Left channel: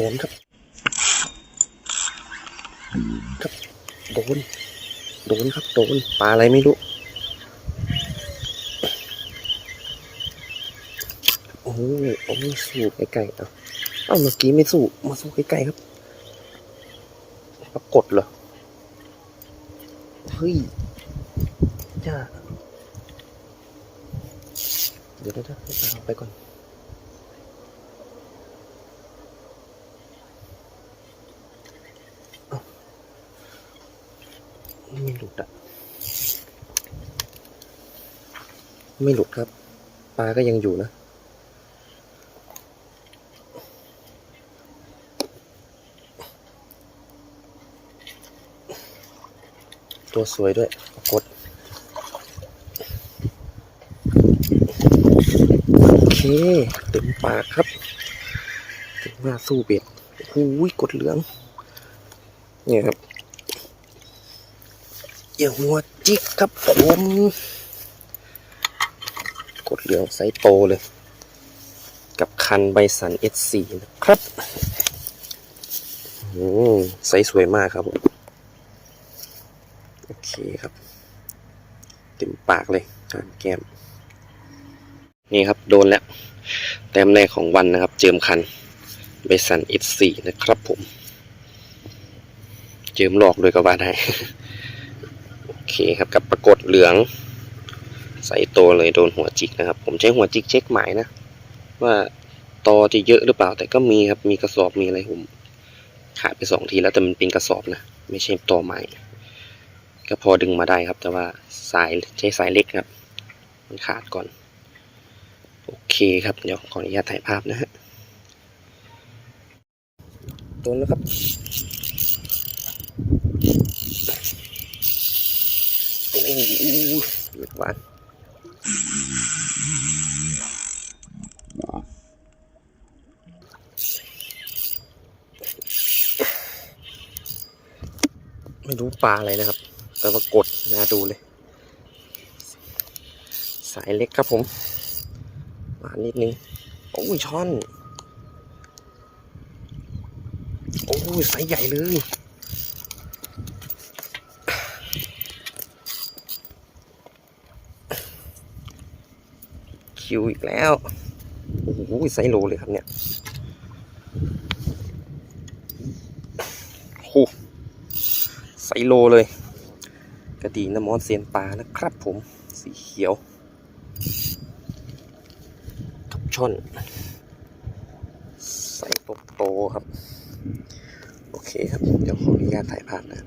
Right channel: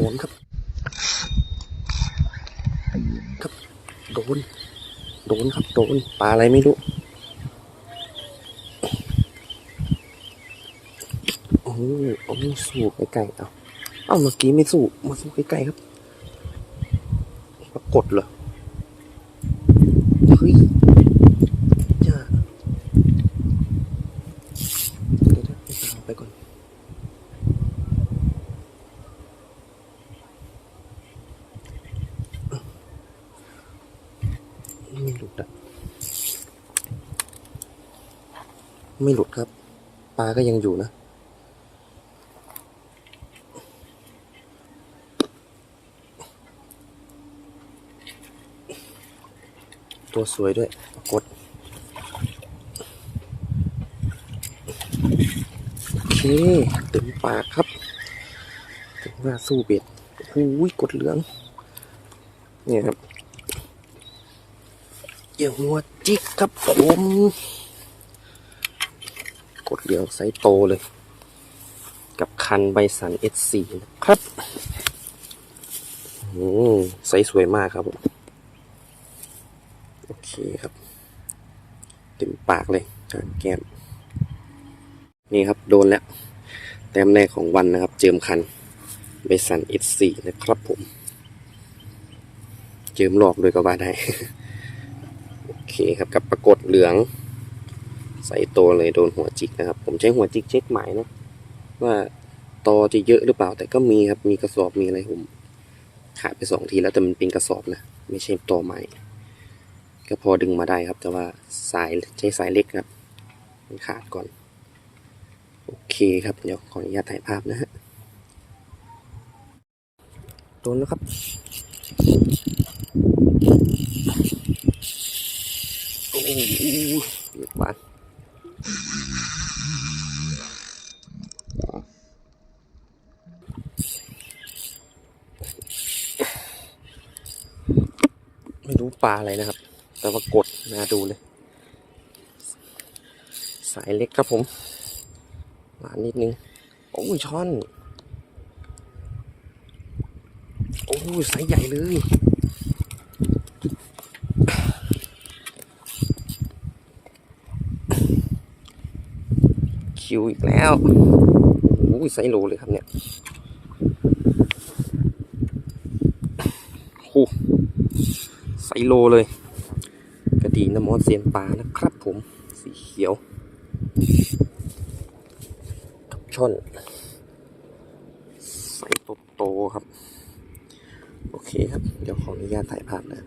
ดนครับ ครับ โดน โดนครับ โดน ปลาอะไรไม่รู้ โอ้ยโอ้ยสู้ใกล้ๆเอาเอาเมื่อกี้ไม่สู้ มาสู้ใกล้ๆครับ ปรากฏเหรอ เฮ้ยจ้าเดี๋ยวเดี๋ยวไปก่อน ไม่หลุดอะ ไม่หลุดครับ ปลาก็ยังอยู่นะ ตัวสวยด้วยกฏโอเค เต็มปากครับถึงว่าสู้เบ็ดหูยกดเหลือง เนี่ยครับอย่าหัวจิกครับผม กดเหลืองไซส์โตเลย กับคันใบสัน S4 นะครับอืมไซส์สวยมากครับผมโอเคครับ เต็มปากเลยกางแก้ม นี่ครับโดนแล้ว แต้มแรกของวันนะครับ เจิมคันใบสัน S4 นะครับผม เจิมหลอกเลยก็ว่าได้ โอเคครับกับปรากฏเหลือง ใส่โตเลยโดนหัวจิกนะครับ ผมใช้หัวจิกเช็คหมายนะ ว่าตอจะเยอะหรือเปล่าแต่ก็มีครับมีกระสอบมีอะไรผมขาดไปสองทีแล้วแต่มันเป็นกระสอบนะไม่ใช่ตอใหม่ก็พอดึงมาได้ครับ แต่ว่าสายใช้สายเล็กครับ มันขาดก่อน โอเคครับเดี๋ยวขออนุญาตถ่ายภาพนะฮะโดนแล้วครับโอ้โหเบียดหวาน ไม่รู้ปลาอะไรนะครับ แต่ว่ากดนาดูเลย สายเล็กครับผมหวานนิดนึง โอ้ยช่อน โอ้ยสายใหญ่เลยคิวอีกแล้ว โอ้ยไซโลเลยครับเนี่ยโอ้ ไซโลเลย กระดีน้ำมอนเซียนปลานะครับผมสีเขียวทับช่อนไซโตโตครับ โอเคครับ เดี๋ยวขออนุญาตถ่ายภาพนะ